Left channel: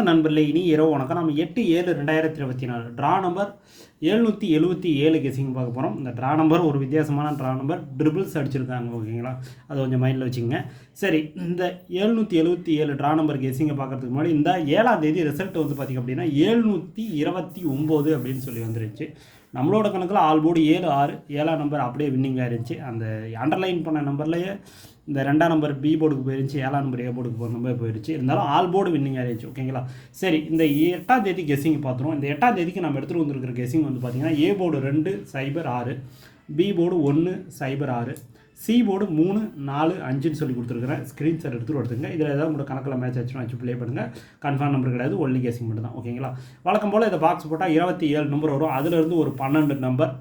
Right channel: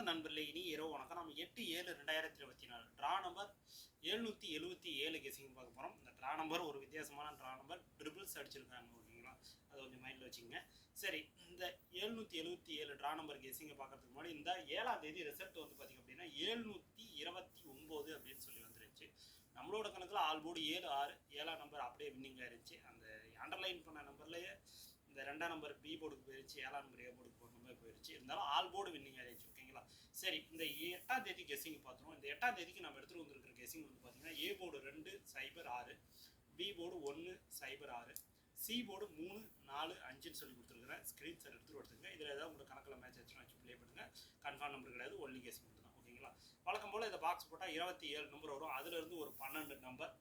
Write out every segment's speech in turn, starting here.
வணக்கம் நண்பர்களே இனி இரவு வணக்கம். நம்ம எட்டு ஏழு ரெண்டாயிரத்தி இருபத்தி நாலு ட்ரா நம்பர் எழுநூற்றி எழுபத்தி ஏழு கெஸிங் பார்க்க போகிறோம் இந்த ட்ரா நம்பர் ஒரு வித்தியாசமான ட்ரா நம்பர் ட்ரிபிள்ஸ் அடிச்சிருக்காங்க ஓகேங்களா? அதை கொஞ்சம் மைண்டில் வச்சுங்க சரி இந்த எழுநூற்றி எழுபத்தி ஏழு ட்ரா நம்பர் கெசிங்கை பார்க்குறதுக்கு முன்னாடி இந்த ஏழாம் தேதி ரிசல்ட் வந்து பார்த்திங்க அப்படின்னா எழுநூற்றி இருபத்தி ஒம்பது அப்படின்னு சொல்லி வந்துருச்சு நம்மளோட கணக்கில் ஆல் போர்டு ஏழு ஆறு ஏழாம் நம்பர் அப்படியே வின்னிங்காக இருந்துச்சு. அந்த அண்டர்லைன் பண்ண நம்பர்லேயே இந்த ரெண்டாம் நம்பர் பி போர்டுக்கு போயிருச்சு ஏழாம் நம்பர் ஏ போர்டுக்கு போகிற நம்பர் போயிருச்சு இருந்தாலும் ஆல் போர்டு வின்னிங் ஆயிடுச்சு ஓகேங்களா சரி இந்த எட்டாம் தேதி கெஸிங் பார்த்துருவோம். இந்த எட்டாம் தேதிக்கு நம்ம எடுத்துகிட்டு வந்திருக்கிற கெஸிங் வந்து பார்த்தீங்கன்னா ஏ போர்டு ரெண்டு சைபர் ஆறு பி போர்டு ஒன்று சைபர் ஆறு சி போர்டு மூணு நாலு அஞ்சுன்னு சொல்லி கொடுத்துருக்குறேன். ஸ்க்ரீன்ஷாட் எடுத்துகிட்டு எடுத்துங்க இதில் ஏதாவது உங்களோட கணக்கில் மேட்ச் ஆச்சுன்னா வச்சு ப்ளே பண்ணுங்கள் கன்ஃபார்ம் நம்பர் கிடையாது ஒன்லி கேசிங் மட்டும் தான் ஓகேங்களா வழக்கம் போல் இதை பாக்ஸ் போட்டால் இருபத்தி ஏழு நம்பர் வரும். அதுலேருந்து ஒரு பன்னெண்டு நம்பர்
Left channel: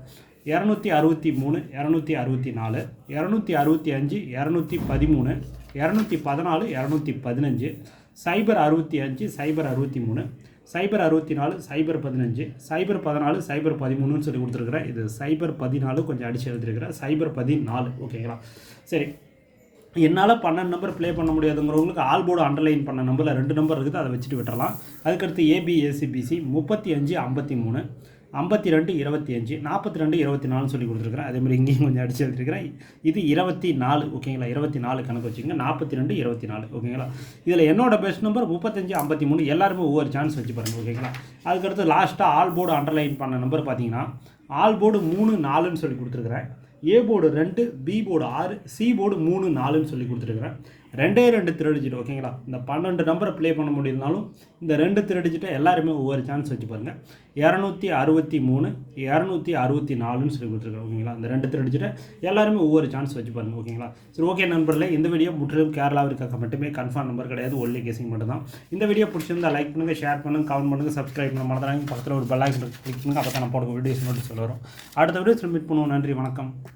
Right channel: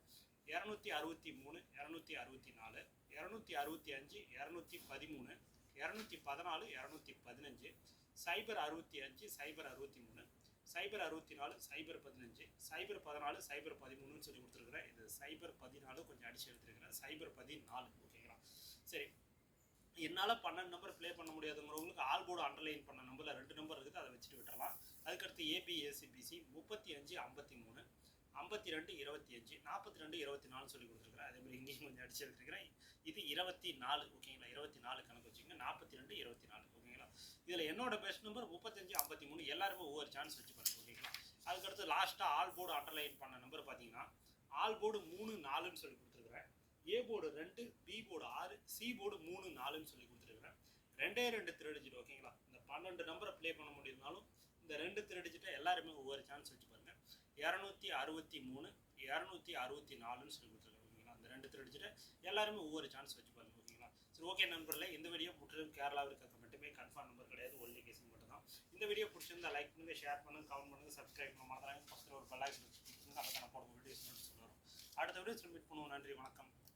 இரநூத்தி அறுபத்தி மூணு இரநூத்தி அறுபத்தி நாலு இரநூத்தி அறுபத்தி அஞ்சு இரநூத்தி பதிமூணு இரநூத்தி பதினாலு இரநூத்தி பதினஞ்சு சைபர் அறுபத்தி அஞ்சு சைபர் அறுபத்தி மூணு சைபர் அறுபத்தி நாலு சைபர் பதினஞ்சு சைபர் பதினாலு சைபர் பதிமூணுன்னு சொல்லி கொடுத்துருக்குறேன். இது சைபர் பதினாலு கொஞ்சம் அடிச்சு எழுதிருக்கிறேன். சைபர் பதினாலு ஓகேங்களா? சரி. என்னால் பன்னெண்டு நம்பர் ப்ளே பண்ண முடியாதுங்கிறவங்களுக்கு ஆல் போர்டு அண்டர்லைன் பண்ண நம்பரில் ரெண்டு நம்பர் இருக்குது அதை வச்சுட்டு விட்டுறலாம். அதுக்கடுத்து ஏபிஎஸ்சிபிசி முப்பத்தி அஞ்சு ஐம்பத்தி மூணு ஐம்பத்தி ரெண்டு இருபத்தி அஞ்சு நாற்பத்தி ரெண்டு இருபத்தி நாலுன்னு சொல்லி கொடுத்துருக்குறேன். அதே மாதிரி இங்கேயும் கொஞ்சம் அடிச்சு எழுதிருக்கிறேன் இது இருபத்தி நாலு ஓகேங்களா? இருபத்தி நாலு கணக்கு வச்சுக்கோங்க. நாற்பத்தி ரெண்டு இருபத்தி நாலு ஓகேங்களா? இதில் என்னோட பெஸ்ட் நம்பர் முப்பத்தஞ்சு ஐம்பத்தி மூணு எல்லாருமே ஒவ்வொரு சான்ஸ் வச்சு பாருங்கள் ஓகேங்களா? அதுக்கடுத்து லாஸ்ட்டாக ஆல் போர்டு அண்டர்லைன் பண்ண நம்பர் பார்த்தீங்கன்னா ஆல் போர்டு மூணு நாலுன்னு சொல்லி கொடுத்துருக்குறேன். ஏ போர்டு ரெண்டு பி போர்டு ஆறு சி போர்டு மூணு நாலுன்னு சொல்லி கொடுத்துருக்குறேன். ரெண்டே ரெண்டு திருடிஜிட் ஓகேங்களா? இந்த பன்னெண்டு நம்பரை ப்ளே பண்ண முடியலனாலும் இந்த ரெண்டு திருடிஜிட்டை எல்லாருமே ஒவ்வொரு சான்ஸ் வச்சு பாருங்கள் இரநூத்தி அறுபத்தி மூணு இரநூத்தி அறுபத்தி நாலுன்னு சொல்லி கொடுத்துருக்கேன் ஓகேங்களா? இந்த ரெண்டு திருடிஜிட்டை எல்லாருமே ஒவ்வொரு சான்ஸ் வச்சு பாருங்கள் ஓகேங்களா? சரி ஓகே நண்பர்களே இந்த வீடியோ முற்றிலும் கேரளாவிற்காக மட்டுமே கன்ஃபார்ம் நம்பர் கிடையாது ஒன்லி கேசிங் மட்டும் தான் இந்த வீடியோ பிடிச்சிருந்தா லைக் பண்ணுங்கள் ஷேர் பண்ணுங்கள் கமெண்ட் பண்ணுங்கள் சப்ஸ்கிரைப் பண்ண மறந்துடாங்க பக்கத்தில் ஒரு பெல் ஐக்கன் கிளிக் பண்ணுங்கள் அப்போ தான் நான் போடுற வீடியோஸ் நோட்டீஸ் வரும். அடுத்த வீடியோ மீட் பண்ணுவோம். நன்றி வணக்கம்.